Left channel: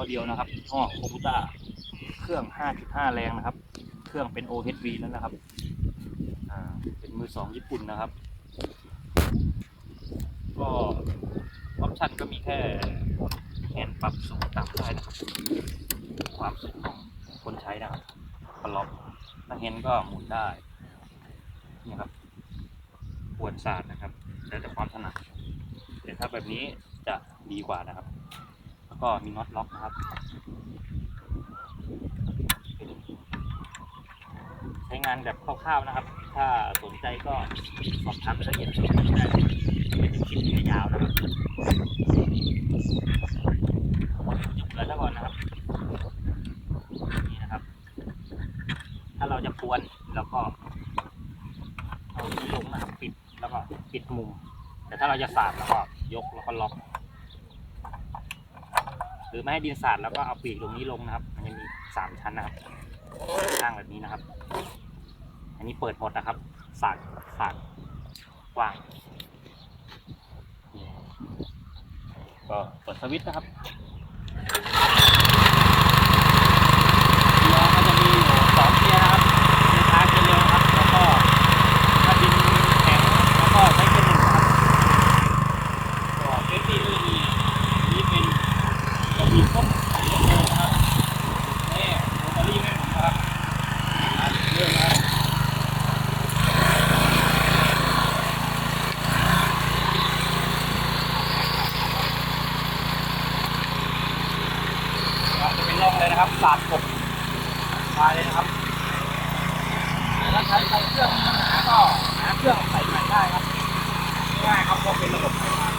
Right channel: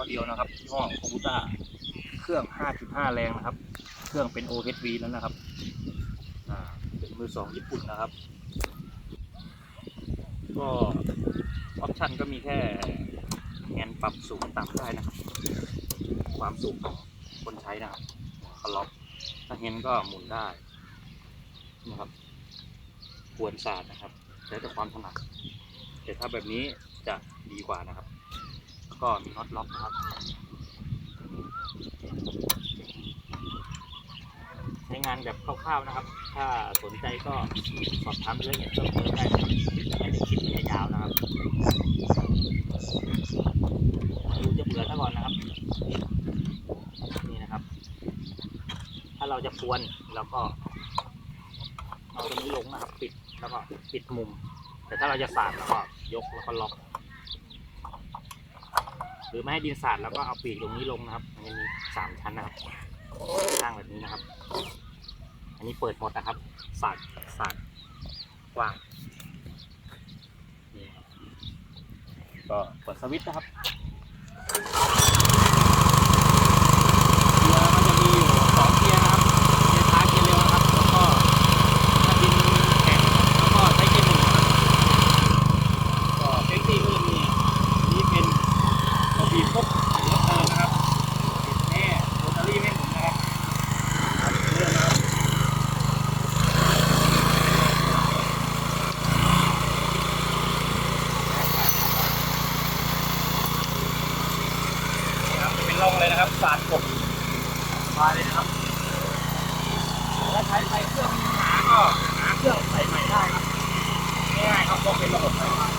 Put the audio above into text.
อเดียวนะครับยี่ห้อโคบูต้าเครื่อง 5.5 แรงนะครับ เครื่องเป็น OHV แล้วนะครับเป็นมือสองญี่ปุ่นนะครับ ก็ออปชั่นก็มีแค่แฮนด์ปรับสูงต่ำได้นะครับ ความสูงของคนใช้นะครับพอล็อกถ้าแฮนด์ก็หมุนได้นะครับควรศาสตร์นะครับ แล้วแต่ความถนัดแต่ถ้าแบบนี้จะดีกว่านะครับ ก็มีน็อตล็อกนะครับ ใช้งานแบบคร่าวๆนะครับ ถ้าสนใจก็สอบถามไปละเอียดเพิ่มเติมได้ไม่เป็นคลิปยาวนะครับดูจะเบื่อซะก่อนนะครับ นี่นะครับ ถ้าเราจะควนเราก็เอาตรงนี้ลงนะครับ ปิดแล้วก็ปิดมุม แต่ถ้าเราจะสาดแล้วก็ยกแล้วก็ล็อก หรือไม่ให้ดินสาดแล้วก็เอาปีกตรงนี้ลงนะครับ มันจะมีสามชั้นนะครับข้างแบบนี้นะครับ อันนี้เปิดหมดนะครับ สาดสาดกว้างก็เปิดสวิตช์นะครับาดกมาเลยครับ แล้วใช้ใช้เครื่องก็หาเครื่องใส่ใหม่ได้ครับง่ายครับก็เป็นระบอ้